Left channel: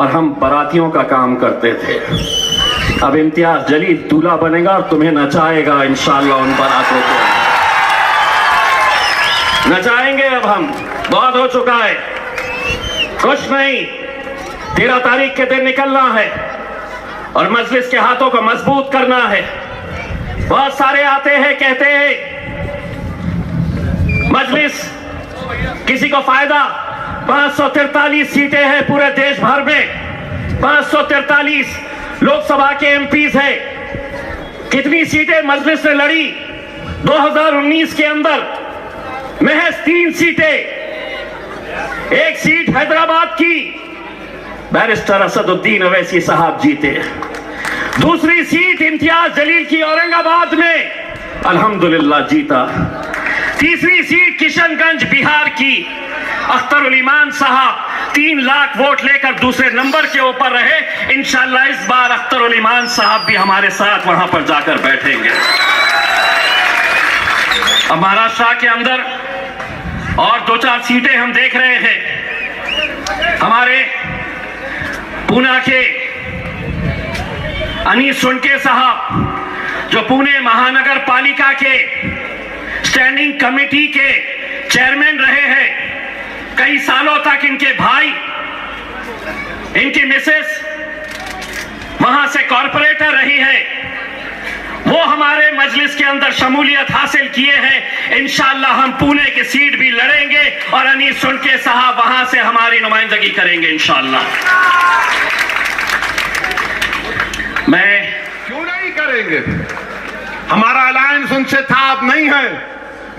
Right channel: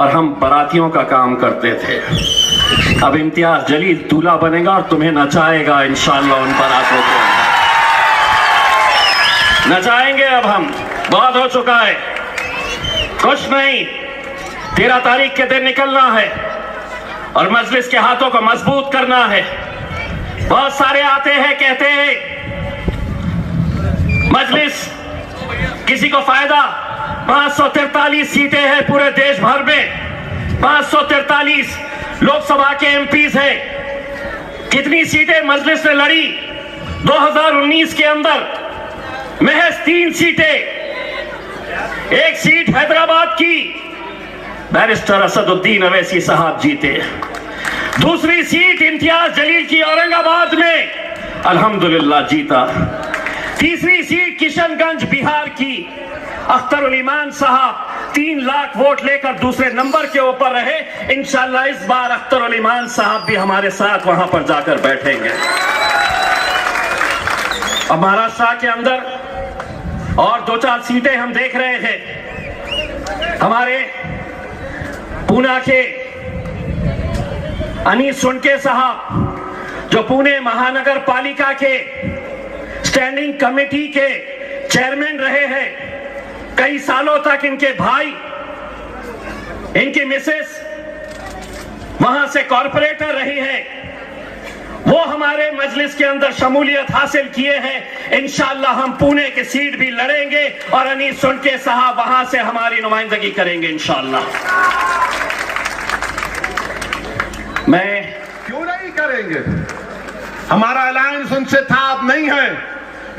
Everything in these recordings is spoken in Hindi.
और हम बारातियों का काम करते थे। अब इम्तियाज जलील दूल्हा बनेगा और तुम्हें नचाएगा इंशाअल्लाह उन बारातों को। नचाएंगे अब हम, बहुत हो चुका है, कुछ नहीं। 13 तारीख के दिन निकलना है और मजलिस के हाथों को मजबूत करना है। बहुत सारे आते हैं, कहते हैं मजलिस किसी को फायदा। 543 सीटें हैं पूरे देश भर में, 543 लोकसभा के एमपीज हैं। कितनी सीटें मजलिस ने लड़ी 2019 के अंदर? महज 3 सीटें। एक सीट हैदराबाद की बैरिस्टर असदुद्दीन अवैसी साहब जीते। दूसरी सीट इम्तियाज जलील की औरंगाबाद में, अल्हम्दुलिल्लाह जीता। तीसरी सीट किशनगंज बिहार की अख्तर उल ईमान साहब 3 लाख वोट लेकर दूसरे नंबर के ऊपर रहे। इंशाअल्लाह इस बार अख्तर उल ईमान साहब भी हमारे साथ वहां पर जाकर बैठेंगे। अब महाराष्ट्र के अंदर और 2-4 सीटें हम देख रहे हैं। हमारे पूना के अनीस सुनके साहब जो पुणे महानगर पालिका के स्टैंडिंग कमेटी के चेयरमैन रहे हैं, कई सालों तक इनके भाई, इनकी मिसेस वहां से कॉर्पोरेटर रही है, वो हमारे मजलिस के अंदर शमूलियत हासिल किए हैं। इंशाअल्लाह हम पुणे की सीट भी लड़ेंगे और अनीस सुनके साहब वहां से हमारी नुमाइंदगी करेंगे इंशाअल्लाह। मैं क्यों नहीं करेंगे? हमारा अलायंस उनसे था, अब नहीं है,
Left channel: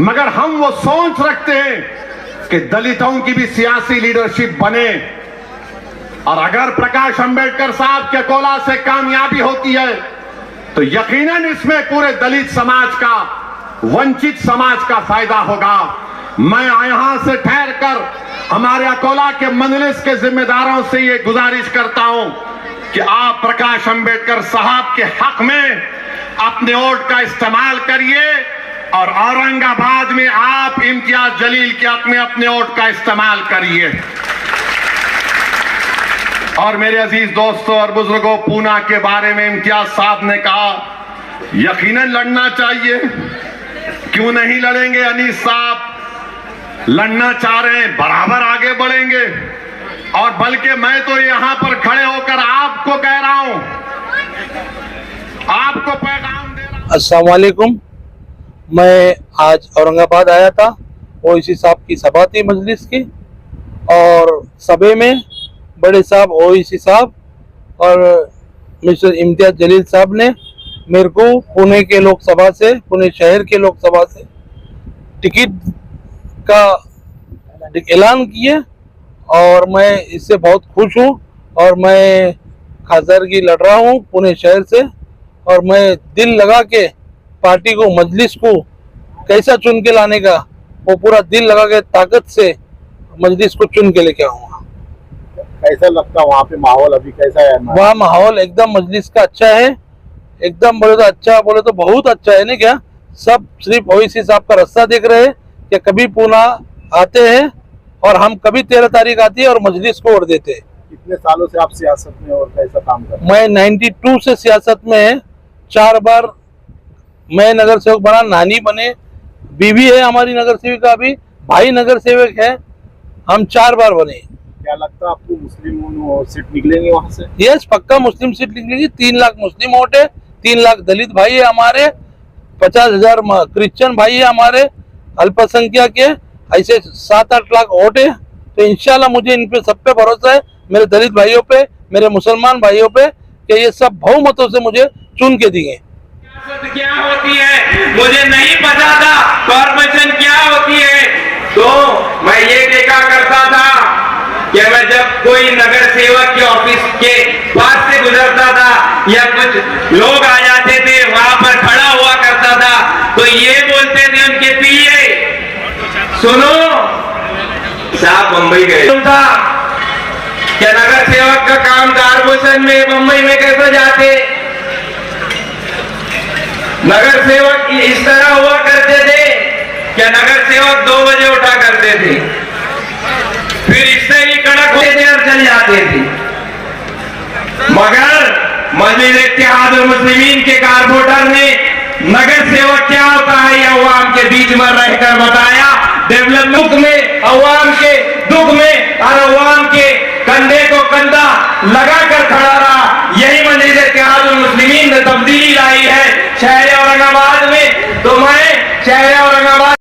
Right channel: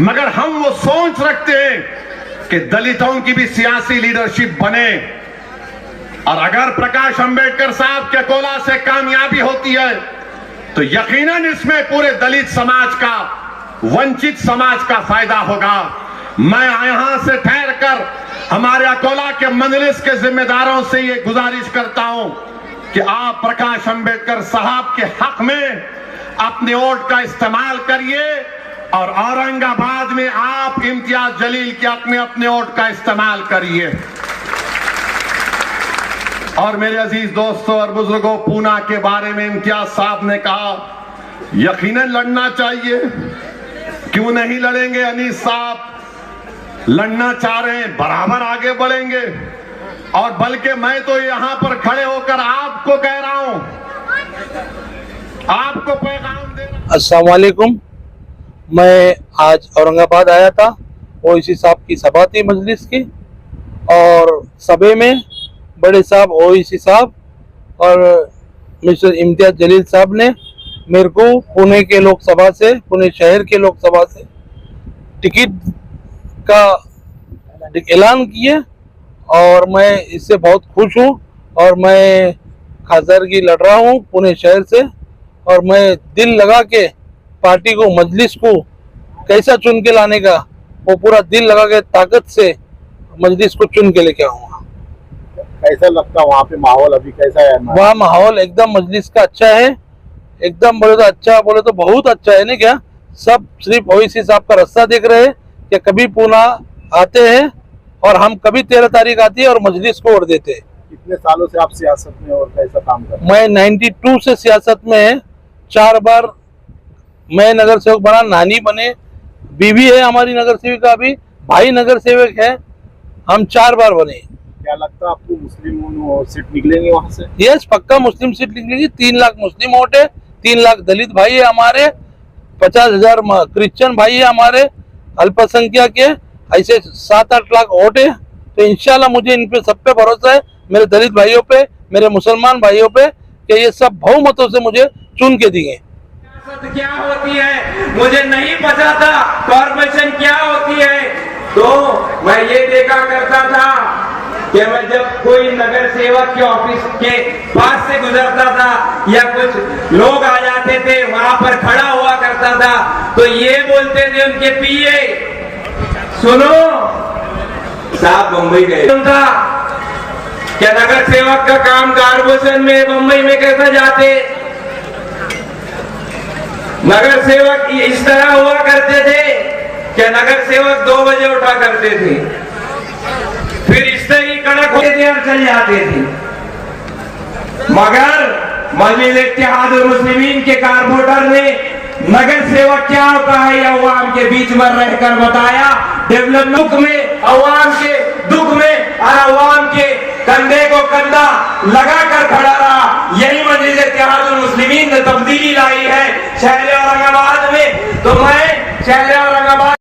मगर हम वो सोच रखते हैं कि दलितों की भी सियासी लीडरशिप बने। और अगर प्रकाश अंबेडकर साहब के कोला से कामयाबी होती है तो यकीनन इसमें पूरे दलित समाज का, वंचित समाज का फायदा होगा। मैं यहां से ठहर कर हमारे अकोला के मजलिस के जिम्मेदारों से ये गुजारिश करता हूं कि आप प्रकाश अंबेडकर साहब के हक में अपने वोट का इस्तेमाल करिए और औरंगाबाद में आप इम्तियाज जलील के हक में अपने वोट का इस्तेमाल करिए। और मेरे अजीज दोस्तों और बुजुर्गों, पूना के बारे में इम्तियाज साहब ने कहा यकीनन लड़ना चाहिए। क्यों नहीं लड़ेंगे? अनीस साहब लड़ना चाह रहे हैं, बराबर आगे बढ़ेंगे। और बल्कि मैं तो यहां पर खड़े होकर आपको कह रहा हूं, आपको पैगाम दे रहा हूं। अस्सलाम वालेकुम। मैं आज औरंगाबाद आया था, ओवैसी साहब की सभा थी मजलिस की, और सभा में बड़े साहब ओवैसी साहब और मिस्टर इम्तियाज जलील साहब ने मेरे को पुणे के लोकसभा से, पुणे शहर के लोकसभा से टिकट का ऐलान किए और मैं इससे बहुत खुश हूँ। और मैं खासदारगी लड़ रहा हूँ पुणे शहर से, और मैं दिल लगा के पार्टी को, मजलिस को कैसा चुन के लाने का, वो पूरा दिल लगा के ताकत से मजलिस को चुन के लेके आऊँगा। कैसा लगता है वहाँ पे माहौल अभी कैसा है? वहाँ माहौल एकदम मजलिस का अच्छा है, एकदम बोले तो अच्छा, बोले तो बहुत अच्छा है। नहीं क्या, सब सिर्फ ओवैसी साहब का रास्ता देख रहे हैं कि कभी पूना आते हैं और हम कभी 13 तारीख आती है और मजलिस को वोट देते हैं। कितने सालों से आप सियासत में और कैसा काम कर रहे हैं? मैं 92 से सियासत में है, 4 बार मैं नगर सेवक बना, नानी बने, बीवी है हमारी नगर सेविका, अभी भाई नगर सेवक है, हम 4 बार बने। क्या लगता है आपको मुस्लिम सीट निकलेंगे वहाँ से? यस, पक्का मुस्लिम सीट निकलेगी। 3 लाख मुस्लिम वोट है, 3 लाख दलित भाई है हमारे, 50,000 क्रिश्चियन भाई है हमारे, अल्पसंख्यक के, ऐसे 7-8 लाख वोट है। तो इंशाल्लाह मुझे इन पे सब पे भरोसा है, मेरे दलित भाइयों पे, मेरे मुसलमान भाइयों पे, कि ये सब बहुमतों से मुझे चुन के दिए। क्या होती है मुझे नहीं पता था, कॉर्पोरेशन क्या होती है। तो मैं ये देखा करता था कि मैं जब कोई नगर सेवक के ऑफिस के पास से गुजरता था या कुछ लोग आ जाते थे, वहां पर खड़ा हुआ करता था, तो ये बोलते थे उनके पीए, सुनो साहब मुंबई गए, सुनता क्या नगर सेवक का काम कॉर्पोरेशन में मुंबई में कैसे जाते। नगर सेवक इस तरह हुआ करते थे कि नगर सेवक 2 बजे उठा करते थे, फिर इससे ही कड़क होते थे और चल जाते थे। मगर मजलिस इत्तेहादुल मुस्लिमीन के कारपोरेटर ने नगर सेवक क्या होता है ये अवाम के बीच में रहकर बताया। डेवलपमेंट में, अवाम के दुख में और अवाम के कंधे को कंधा लगा